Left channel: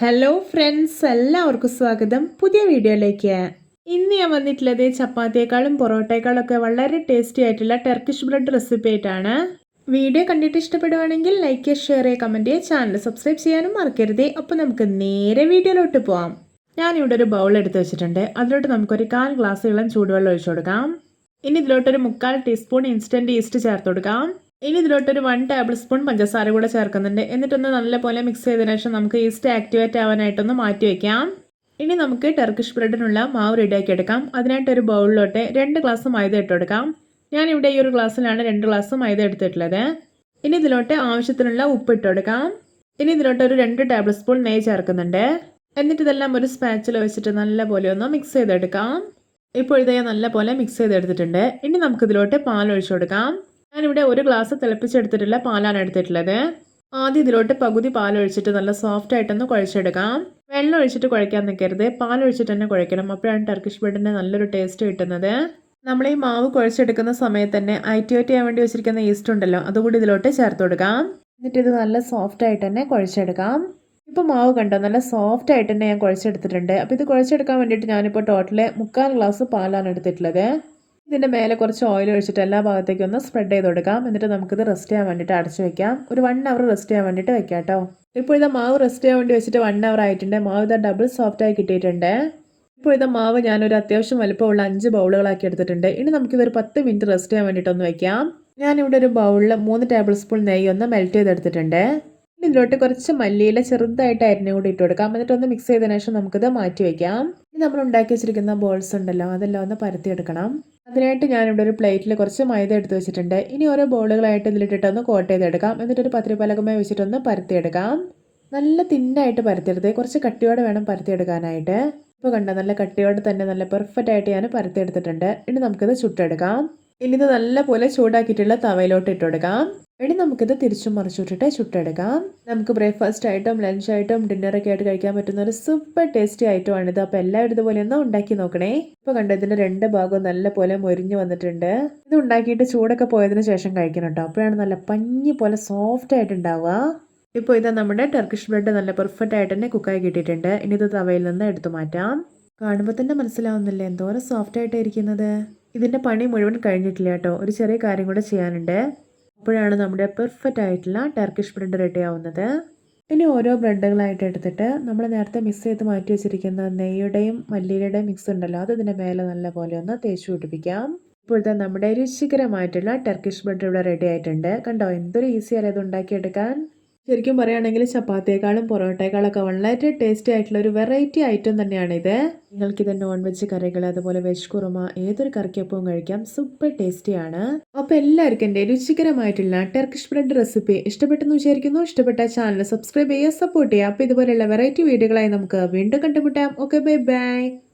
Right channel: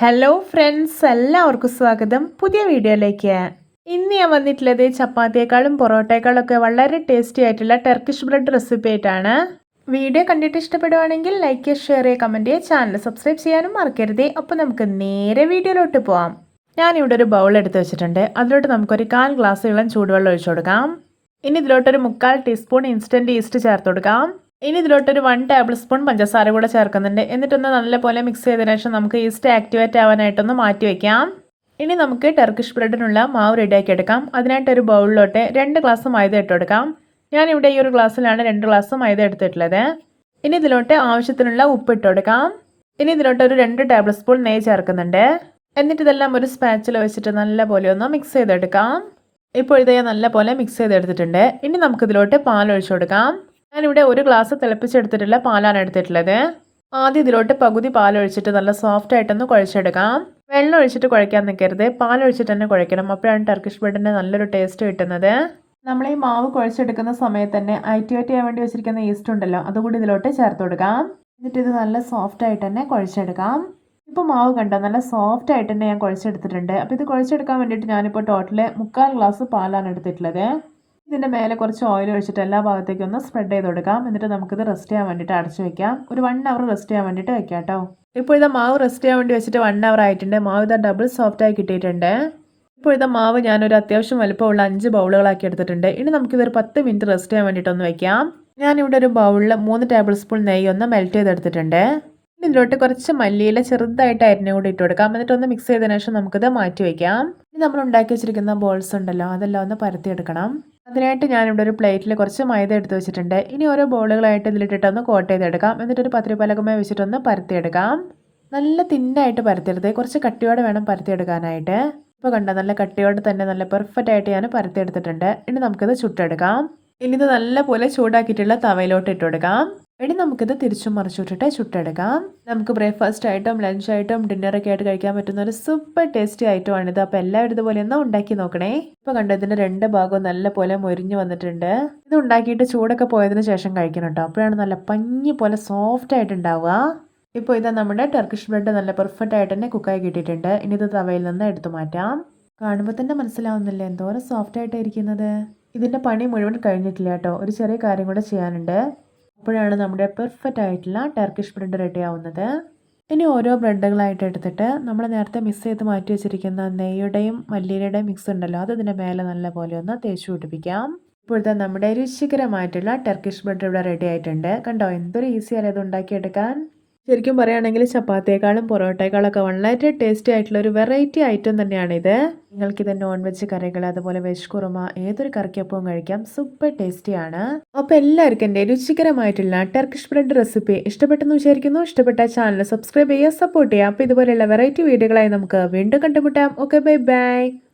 Hello friends എല്ലാവർക്കും സ്വാഗതം. പുതിയ വീഡിയോയിലേക്ക്. ഇന്ന് ഞാൻ വന്നിട്ടുള്ളത് ചപ്പാത്തിയേക്കാളും പൊറോട്ടയേക്കാളും ഒക്കെ വളരെ ടേസ്റ്റി ആയിട്ടുള്ള ടർക്കിഷ് ബ്രെഡ് റെസിപ്പി ആയിട്ടാണ്. വീഡിയോ കണ്ടിട്ട് ഇഷ്ടപ്പെടുവാണെങ്കിൽ ലൈക്ക് ചെയ്യുക ഷെയർ ചെയ്യുക കമന്റ് ചെയ്യുക ചാനൽ സബ്സ്ക്രൈബ് ചെയ്യാനും മറക്കരുത്. അപ്പോൾ നമുക്ക് നേരെ വീഡിയോയിലോട്ട് പോവാം. ഞാനിവിടെ ഒരു ബൗൾ എടുത്ത് വെച്ചിട്ടുണ്ട്. അതിലോട്ട് നമുക്കൊരു കാൽ ഗ്ലാസ് ഇളം ചൂടുവെള്ളം ഒഴിച്ചു കൊടുക്കാം. ഇനി ഇതിലോട്ടൊരു മുക്കാൽ ടീസ്പൂൺ ഇൻസ്റ്റന്റ് ഈസ്റ്റ് ചേർത്ത് കൊടുക്കാം. ഇനി ഇതിലോട്ടൊരു വൺ ടേബിൾ സ്പൂൺ പഞ്ചസാര കൂടെ ചേർക്കുന്നുണ്ട്. എന്നിട്ടൊന്ന് നല്ലപോലെ മിക്സ് ചെയ്തതിനു ശേഷം നമുക്ക് ഈസ്റ്റ് ആക്ടിവേറ്റ് ആവാനായിട്ടൊന്ന് മാറ്റി വയ്ക്കാം ഇനി നമുക്ക് ടർക്കിഷ് ബ്രെഡിനുള്ള മാവ് റെഡിയാക്കി എടുക്കാം. അതിനായിട്ട് ഒരു ബൗളിലോട്ട് രണ്ട് ഗ്ലാസ് മൈദ ഇട്ട് കൊടുക്കാം. ഞാനിവിടെ ഈ ഒരു ഗ്ലാസ്സിലാണ് രണ്ട് ഗ്ലാസ് മൈദ എടുത്തിട്ടുള്ളത്. ഇനി ഇതിലോട്ട് ആവശ്യത്തിനുള്ള ഉപ്പ് ഇട്ട് കൊടുക്കാം. ഇനി ഇതിലോട്ട് ഒരു രണ്ട് ടേബിൾ സ്പൂൺ നെയ്യ് ചേർക്കുന്നുണ്ട്. എന്നിട്ട് ഇതെല്ലാം ഒരു സ്പാച്ചിൽ വെച്ചിട്ട് നല്ലപോലെ ഒന്ന് മിക്സ് ചെയ്തെടുക്കാം. ഇപ്പോൾ ഇത് ഞാൻ നല്ലപോലെ മിക്സ് ചെയ്തെടുത്തിട്ടുണ്ട്. ഇനി നമുക്കിതിലോട്ട് പാൽ ഒഴിച്ചു കൊടുക്കാം. ഞാനിവിടെ ഒരു ഗ്ലാസ് തിളപ്പിച്ചെടുത്തിട്ടുള്ള പാലാണ് എടുത്തിട്ടുള്ളത്. ആദ്യം ഇതിലോട്ട് പകുതി പാലൊഴിച്ചിട്ട് നല്ല സോഫ്റ്റ് ആയിട്ടൊന്ന് കുഴച്ചെടുക്കാം. വെള്ളം ഒഴിച്ചിട്ട് കുഴക്കാൻ നിൽക്കരുത്. പാലൊഴിച്ചിട്ട് തന്നെ കുഴക്കണം അപ്പോഴാണ് ടർക്കിഷ് ബ്രെഡിന് നല്ലൊരു ടേസ്റ്റ് കിട്ടുന്നത്. നമ്മൾ ഈ മാവ് കുഴച്ചെടുക്കുന്ന സമയത്ത് തന്നെ ഐറ്റുവേറ്റ് ചെയ്യാൻ വേണ്ടി വെച്ചിരിക്കുന്ന ഈസ്റ്റ് ഉണ്ടല്ലോ അതുകൂടി ഇതിലോട്ട് ചേർത്ത് കൊടുക്കാം. എന്നിട്ട് ഇത് നല്ല സോഫ്റ്റ് ആയിട്ട് തന്നെ കുഴച്ചെടുക്കാം. ഇപ്പോൾ മാവ് കണ്ടോ നല്ല സോഫ്റ്റ് ആയിട്ട് തന്നെ ഞാൻ കുഴച്ചെടുത്തിട്ടുണ്ട്. അപ്പോൾ ഇത് കുഴച്ചെടുക്കാൻ വേണ്ടിയിട്ട് ഞാനിപ്പോൾ ടോട്ടൽ മുക്കാൽ ഗ്ലാസ് പാലാണ് എടുത്തിട്ടുള്ളത്. ഇതിന്റെ മേലെ കുറച്ച് ഓയിൽ ഒഴിച്ചിട്ട് എല്ലാ ഭാഗത്തേക്കും ഒന്ന് സ്പ്രെഡ് ചെയ്ത് കൊടുക്കാം. എന്നിട്ട് നമുക്കിത് റെസ്റ്റ് ചെയ്യാൻ വേണ്ടിയിട്ട് അടച്ച് വെക്കാം. ഒരു വൺ അവർ റെസ്റ്റ് ചെയ്യാൻ വേണ്ടിയിട്ട് വെക്കാം കേട്ടോ ഇപ്പോൾ ഇത് മാവ് റെസ്റ്റ് ചെയ്യാൻ വേണ്ടി വെച്ചിട്ട് വൺ അവർ ആയിട്ടുണ്ട്. മാവ് ഇതാ ഡബിൾ സോഫ്റ്റ് ആയി കിട്ടിയിട്ടുണ്ട്. ഇപ്പോഴത്തെ മാവ് ഞാനൊരു അത്യാവശ്യം വലുപ്പമുള്ള അഞ്ച് ബൗളുകളാക്കി എടുത്തിട്ടുണ്ട്. ഇനി നമുക്കിതൊരു പത്ത് മിനിറ്റ് റെസ്റ്റ് ചെയ്യാൻ വേണ്ടിയിട്ടൊന്ന് വെക്കാം. ഞാനിവിടെ ഒരു ബൗളിൽ മൂന്ന് ടേബിൾ സ്പൂൺ നെയ്യ് ഒന്ന് മെൽറ്റ് ചെയ്തെടുത്തിട്ടുണ്ട്. ഇതിലോട്ട് കുറച്ച് മല്ലിയില ചെറുതായിട്ട് അരിഞ്ഞ കൂടി ഇട്ട് കൊടുക്കാം. എന്നിട്ട് ഒന്ന് മിക്സ് ചെയ്തതിനു ശേഷം നമുക്കിത് മാറ്റി വയ്ക്കാം ഇനി നമ്മൾ ഉണ്ടാക്കി വെച്ചിരിക്കുന്ന ബോൾസ് ഉണ്ടല്ലോ അതെല്ലാം ഒന്ന് പരത്തിയെടുക്കണം അതിനായിട്ട് ഞാനിവിടെ ഒരു പ്ലേറ്റിൽ കുറച്ച് മൈദ എടുത്ത് വെച്ചിട്ടുണ്ട്. ഇനി ഓരോ ബോളുകളായിട്ട് ഇതിലിട്ടിട്ടൊന്ന് കോട്ട് ചെയ്തെടുക്കാം. എന്നിട്ടൊരു പത്രിപ്പലകമായി വെച്ചിട്ടൊന്ന് പരത്തിയെടുക്കാം. നല്ല തിന്നായിട്ട് പരത്തിയെടുത്ത് കുറച്ച് കട്ടിയോടെ വേണം പരത്തിയെടുക്കാനായിട്ട്. ഇപ്പോൾ കണ്ട നല്ല കട്ടിയോടെ തന്നെ നല്ല പെർഫെക്റ്റ് ആയിട്ട് ഞാൻ പരത്തിയെടുത്തിട്ടുണ്ട്. ഇനി നമുക്കിത് ചുട്ടെടുക്കാം. ഇനി ഇത് നല്ലപോലെ ചൂടാക്കിയിട്ടുള്ള തവയിലോട്ട് ഇട്ട് കൊടുക്കാം ഇനി നമുക്കിത് തിരിച്ചും മറിച്ചിട്ടിട്ട് ചുട്ടെടുക്കാം. നമുക്ക് ബ്രേക്ക്ഫാസ്റ്റ് ആയിട്ടും ലഞ്ച് ആയിട്ടും ഡിന്നറൊക്കെ ആയിട്ട് കഴിക്കാൻ പറ്റുന്ന ഒരു സൂപ്പർ ടേസ്റ്റി ഇത് അപ്പോൾ എല്ലാവരും ഇതുപോലെ ഒന്ന് ഉണ്ടാക്കി നോക്കണേ. ഇപ്പോൾ കണ്ടോ ഇതിന്റെ രണ്ട് ഭാഗവും നല്ലപോലെ മൊരിഞ്ഞ് വന്നിട്ടുണ്ട്. ഇത് ഉണ്ടാക്കിയിട്ട് ചൂടൊക്കെ പോയതിന് ശേഷം കഴിക്കണം കേട്ടോ അപ്പോഴാണ് നല്ല പഞ്ഞി പോലെ സോഫ്റ്റ് ആയിട്ട് ഉണ്ടാവുക. ഇപ്പോൾ ഇതാ നമ്മുടെ ടർക്കിഷ് ബ്രെഡ് നല്ല പെർഫെക്റ്റ് ആയിട്ട് തന്നെ കുക്കായി കിട്ടിയിട്ടുണ്ട്. ഇനി ഇത് തവയിൽ നിന്ന് എടുത്തു മാറ്റാം. കാണുമ്പോൾ തന്നെ മനസ്സിലാവുന്നില്ല എന്തോരം സോഫ്റ്റ് ആയിട്ട് ഇരിക്കുന്നത്? ഇതിന്റെ പണി മുഴുവൻ കഴിഞ്ഞിട്ടില്ല കേട്ടോ. ഒരു ചെറിയ കാര്യം കൂടെ ചെയ്യാനുണ്ട്. അപ്പോഴാണ് നമ്മുടെ പെർഫെക്റ്റ് ആയിട്ടുള്ള ടർക്കിഷ് ബ്രെഡ് റെഡി ആവുന്നത്. ഇനി ഓരോ ബ്രെഡുകളായിട്ട് എടുത്തിട്ട് നമ്മൾ നേരത്തെ മിക്സ് ചെയ്ത് മാറ്റി വെച്ചിരിക്കുന്ന നെയ്യുടെയും മല്ലിയുടെയും മിക്സ് ഉണ്ടല്ലോ അത് ഇതിന്റെ മേലെ നല്ല പോലെ ഒന്ന് തേച്ച് പിടിപ്പിക്കാം. ഇപ്പോഴത്തെ നമ്മുടെ രുചികരമായിട്ടുള്ള ടർക്കിഷ് ബ്രെഡ് ഇവിടെ റെഡി ആയിട്ടുണ്ട്. കണ്ടോ എന്തൊരു ഈസിയാണ് ഇത് ഉണ്ടാക്കിയെടുക്കാൻ. ശരിക്കും പറയുകയാണെങ്കിൽ ചപ്പാത്തിയേക്കാളും പൊറോട്ടയേക്കാളൊക്കെ വളരെ ടേസ്റ്റി ആയിട്ടുള്ള ഒരു വെറൈറ്റി ഐറ്റം തന്നെയാണിത്. നിങ്ങൾക്കിത് നോൺ വെജ് കറികൾ അതുപോലെ വെജ് കുറുമ ഏതൊരു കറിക്കൊപ്പവും കഴിക്കാം. സൂപ്പർ ടേസ്റ്റിയാണ് അപ്പോൾ എല്ലാവർക്കും എന്റെ രുചികരമായിട്ടുള്ള ടർക്കിഷ് ബ്രെഡ് റെസിപ്പി ഇഷ്ടപ്പെട്ടെന്ന് വിചാരിക്കുന്നു. ഇഷ്ടപ്പെട്ട ചാനൽ സബ്സ്ക്രൈബ് ചെയ്യുക സപ്പോർട്ട് ചെയ്യുക. അപ്പോൾ ഇതുപോലെയുള്ള വെറൈറ്റി വീഡിയോകളായി നമുക്ക് വീണ്ടും കണ്ടുമുട്ടാം. Okay bye bye